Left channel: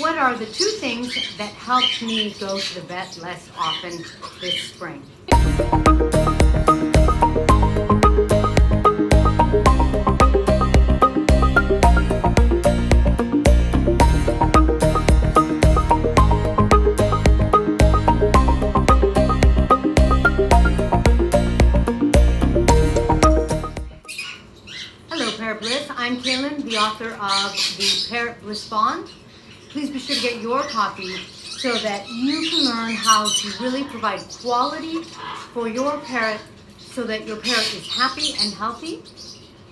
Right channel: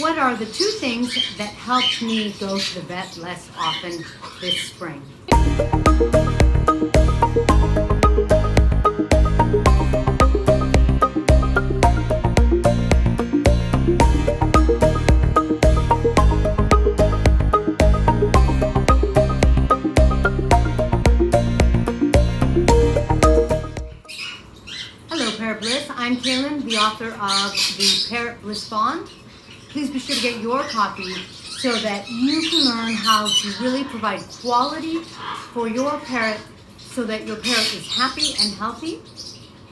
what are the two things that helped me go to the vet less often this spring? Hello, Parrot Bliss. I'm Kaylin, the author of the Parrot Bliss Bond. Please be sure to get your copy so that you can learn how to really provide quality for your parrot so that your parrot is happy and healthy,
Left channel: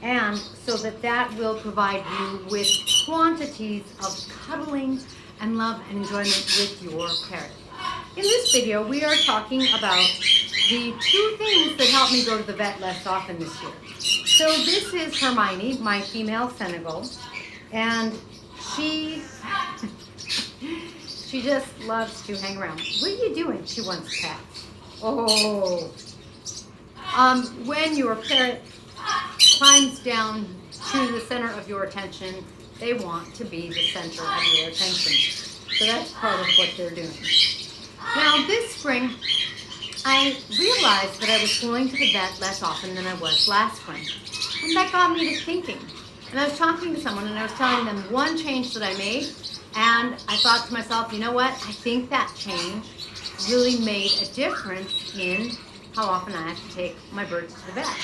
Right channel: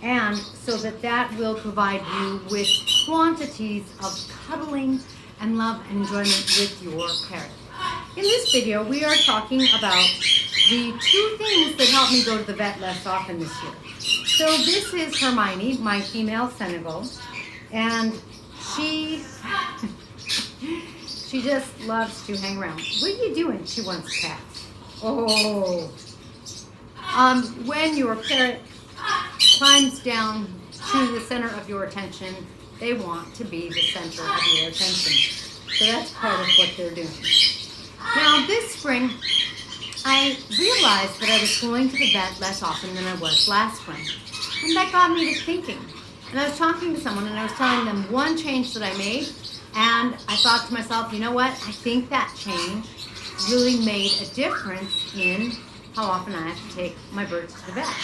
and so that that will provide you with quantities of cuddling and love and enjoyment with your parrot. In this video, we are talking about the two things that help me go to the vet less often this year. So this is Hermione, my female Senegal, and she just loves to hang around. What are you doing? She wants pets. Oh. When your parrot climbs down to the center of your attention, they want to be the center of your attention. So that's part of what they're doing. Now this spring, I realized that I was going to the vet less often than I was last spring. And that got me to thinking. And I was talking to someone and I was telling them one change that I made. And I thought to myself, you know what? I think that change really made a difference in how often I have to take my birds to the vet.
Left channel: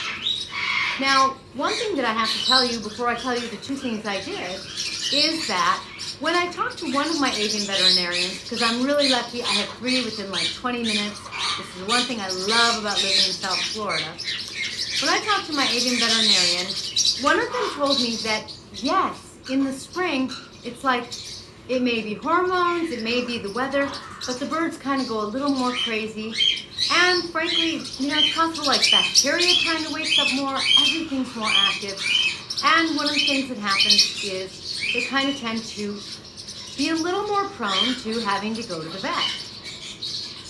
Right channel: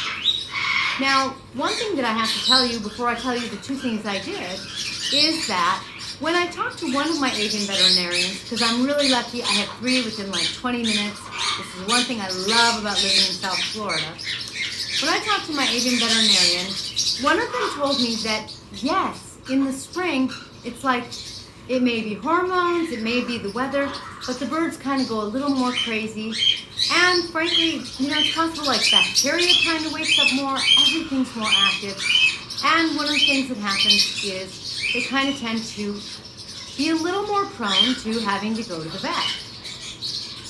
Now, one thing that I have to tell you before I tell you the two things I did is that when I talked to one of my avian veterinarians, because I'm really lucky, I have 3 within like 20 minutes. This is one thing I love about living in South Florida. When I talked to my avian veterinarian, one of them told me that yes, in the spring, it's like it may be hormones, it may be the weather, but the birds kind of go a little more crazy. And frankly, you know, it's possible like bacteria kind of wakes up more, everything's more active. And one of the things that happens is they kind of tend to be a little more prone to having to go to the vet.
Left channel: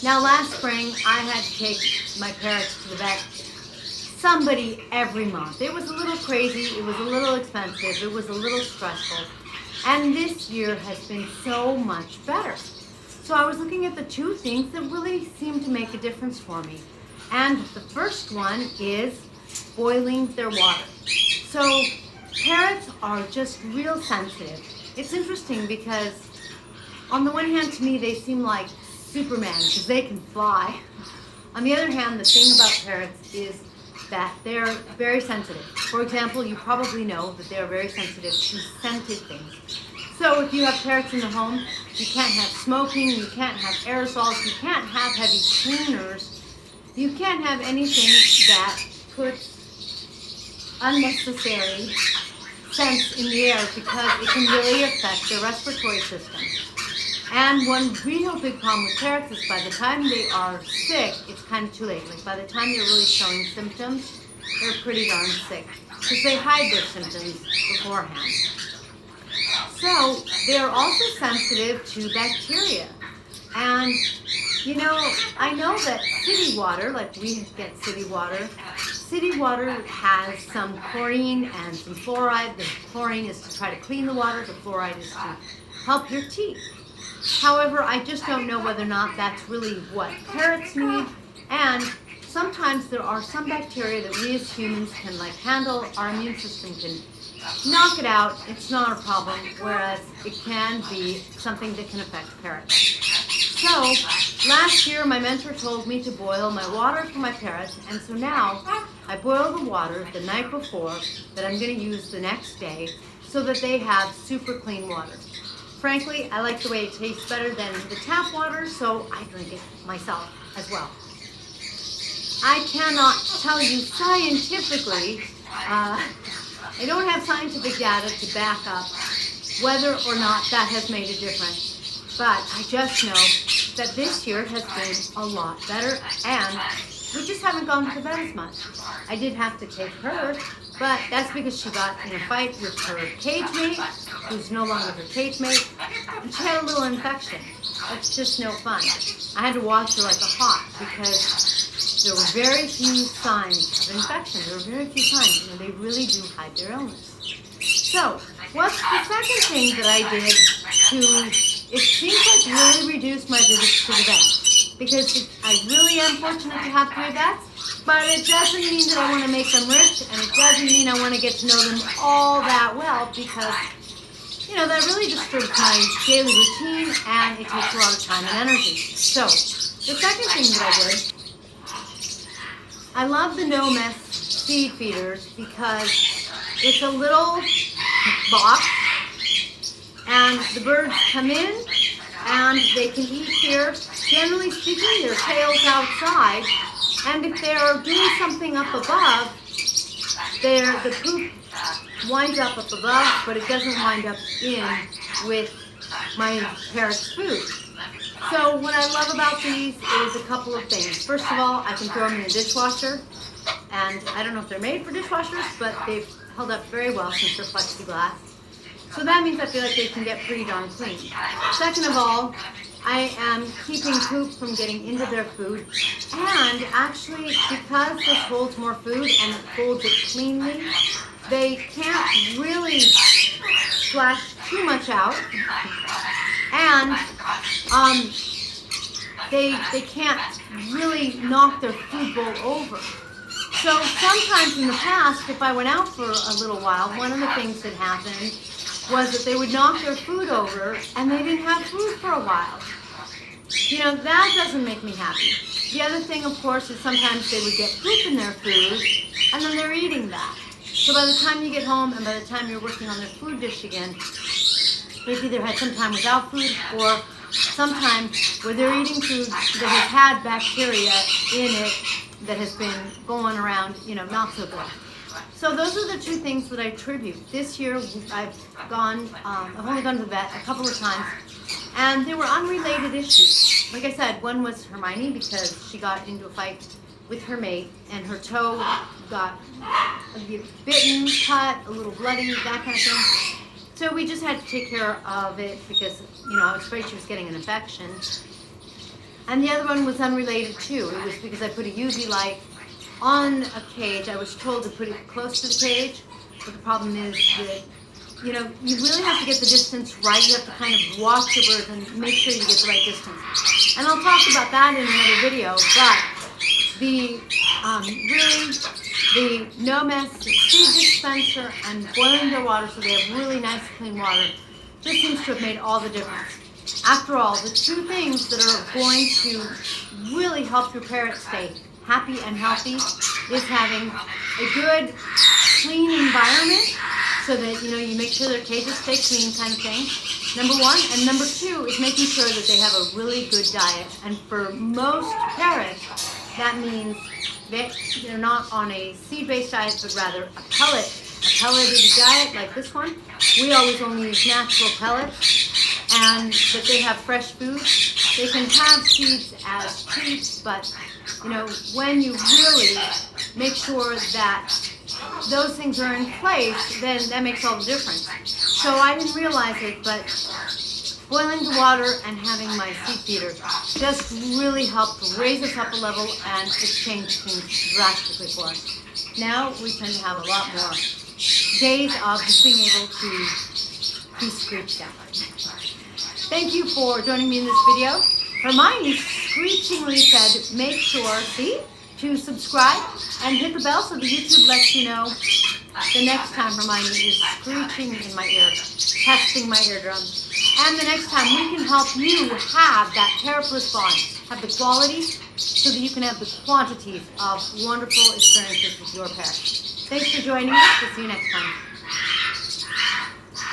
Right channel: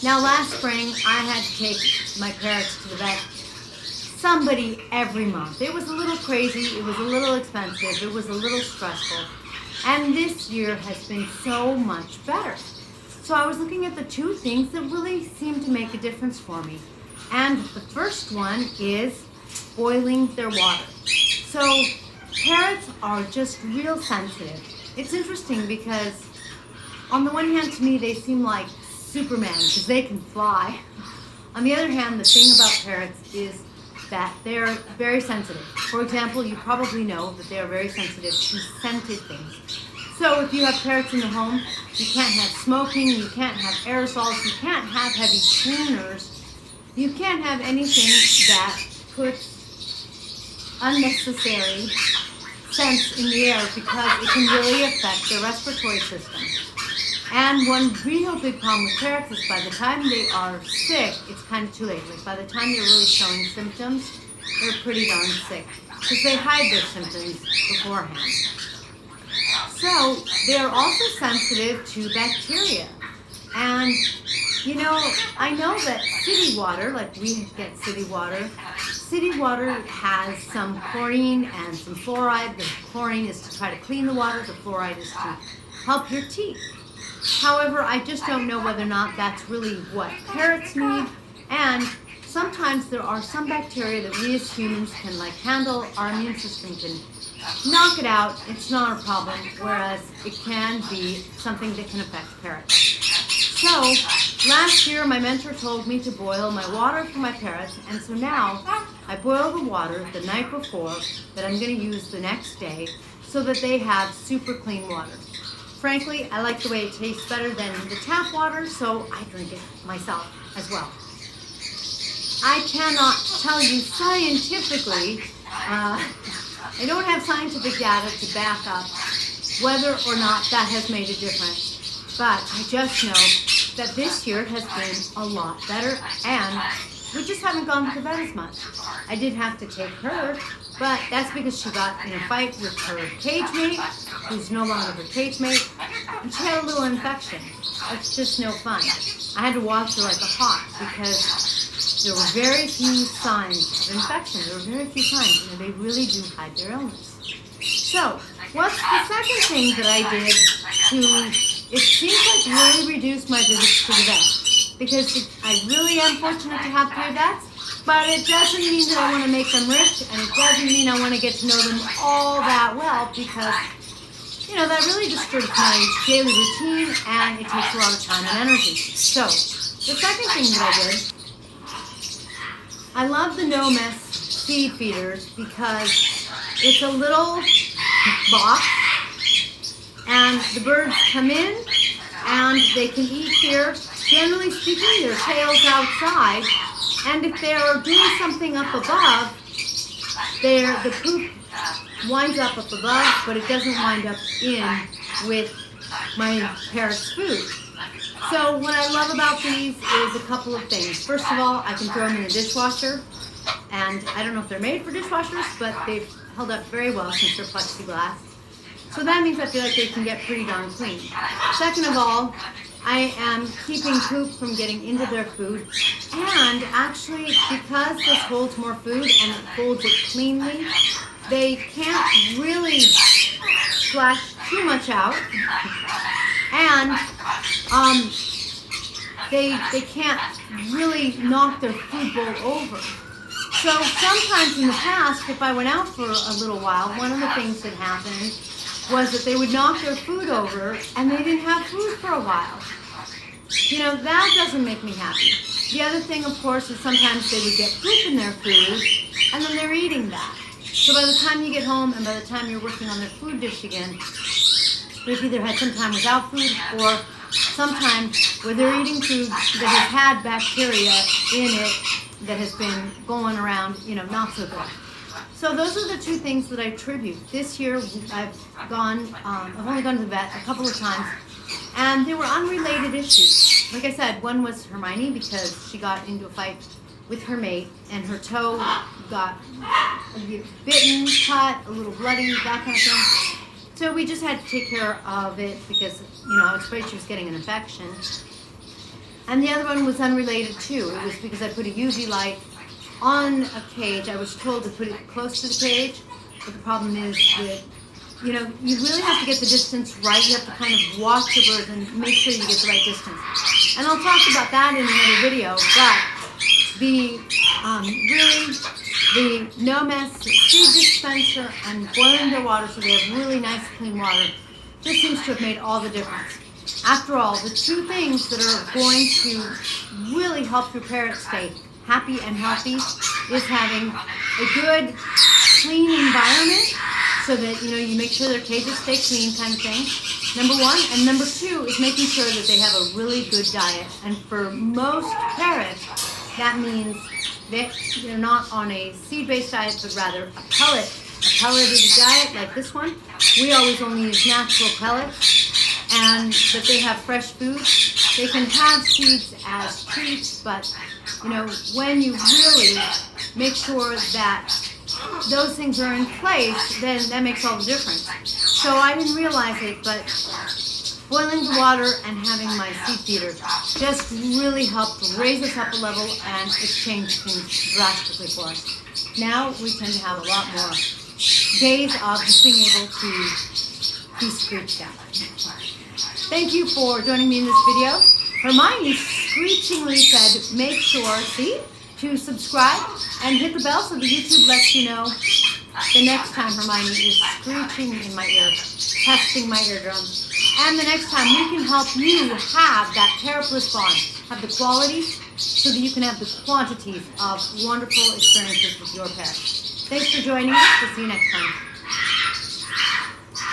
Now last spring, I had to take my parrots to the vet somebody every month. It was a little crazy, it was a little expensive, it was a little stressful. And this year has been so much better. So I was looking at the two things that really seem to make a difference for me. And the first one is boiling their water. So parrots are just real sensitive. It's interesting because on the one hand, to me, they seem like Superman because they can fly. On the other hand, the thing about parrots is that they're very sensitive. For example, you probably know that they are very sensitive to scented things. So if you have parrots in the home, you can't have smoking, you can't have aerosols, you can't have heavy cleaners, you can't have anything that puts unnecessary scents in the air because it can really affect their respiratory system. And one real big problem with parrots is by the time they are sick, it's kind of too late. Like by the time they're really showing symptoms, they're pretty darn sick because they hide their symptoms beforehand. So they're also sensitive to bacteria. And you know, I know that city water, like we get city water has some chlorine and some fluoride. The chlorine is to try to clean the water, the fluoride is to help your teeth. However, I just don't know whether or not that's really what parrots need. And sometimes there are some bacteria that we as humans can like handle. Our immune system can knock it out. It's not a problem. Whereas it can be something that can affect parrots. So last year, my mentor told me to boil my water for my parrots. And so now I boil the water the night before that I'm going to use the next day so that they have super clean water. Frankly, I like the way it tastes better than the tap water, so I drink it myself as well. I cannot tell you scientifically, I don't have scientific data to back up whether or not that has made a difference, but I just know that this year has been a lot better and we just haven't gone to the vet as much. I did have to take her, but that's because she got in a fight with her cage mate, who's no longer her cage mate, and she had a little infection. That's just no fun. I had to watch her like a hawk because there were very few signs of infection. There were very few signs, and they really do hide their illness. So, what's the second thing that I did to it seems like really reduced my visits to the vet, because I really am fortunate to have 3 vets, but it doesn't mean that I want to make them rich, and it doesn't mean I want to get to know them all that well, because that really disturbs my daily routine, and it takes a lot of time and energy. So the second thing that I did, I love the no mess seed feeders because it's a little box, and the birds come in and they can eat here. Generally speaking, their tails outside, and if they're doing something up above, the poop winds up above, but it doesn't wind up in with my parrot's food. So what I love about these is a couple of things. First of all, I can throw them in a dishwasher, and I don't know if they're made for dishwashers, but they've held up very well since they're plexiglass. So that means I feel like they can get pretty darn clean. Second of all, I am keeping poop from getting into their food, and actually because this holds more food and it holds it cleanly, they can't really splash too much out, and they can't really knock their food bowl over. So sometimes in the past, if I went out for a little while, one of the things that happened was that they would knock their food over and they didn't have food for a while. That doesn't make me happy. The other thing, of course, is sometimes they would get poop in their food and then they're eating that. So by the time you get home and by the time you're working on their food dish again, they've either had some time without food or some time where they're eating food that has had bacteria in it that has been going around, not so good. So those are the 2 things that I attribute. This year I've only gone to the vet a couple of times, and they were unrelated issues. Like I said, one was Hermione because she got into a fight with her mate and her toe got bitten, cut, a little bloody, that kind of thing. So we just had to take care of it because, I was afraid she was getting an infection. And the other one was unrelated too. It was because I put a UV light on a cage. I was told to put it close to the cage, but the problem is that, you really have to get the distance right. You have to kind of watch your birds and make sure you get the right distance. And I'll talk about that in another video, but the no mess seed dispenser and boiling their water so they have really nice clean water just seems to have made all the difference. After all, the 2 things that are going to really help your parrot stay happy and healthy is having a good, clean environment so that, you make sure their cages stay clean kind of thing, number 1. And number 2 is making sure that they have a really good diet. And for most parrots, that means that they're not on a seed-based diet, but rather a pellet. A pellet is a diet like this one. We always only use natural pellets, but they have fresh food. They can have seeds as treats, but when you really make sure that those things are in place, then that makes all the difference. So I didn't realize it, but boiling the water and having my seed feeder just really helped raise us up a level, and it's changed things drastically for us. Now we tend to have a lot more days of just being able to be screeched out. Thank you for joining me in this video. Hermione screechingly said, make sure, to subscribe and hit the bell so the YouTube lets you know the next time Hermione is screeching in my ear, testing my eardrums. And the next time we can help you have that Parrot-Bliss bond, have the quality so that you can have the quantities of wonderful experiences with your parrot. Thanks for joining us. We'll see you next time.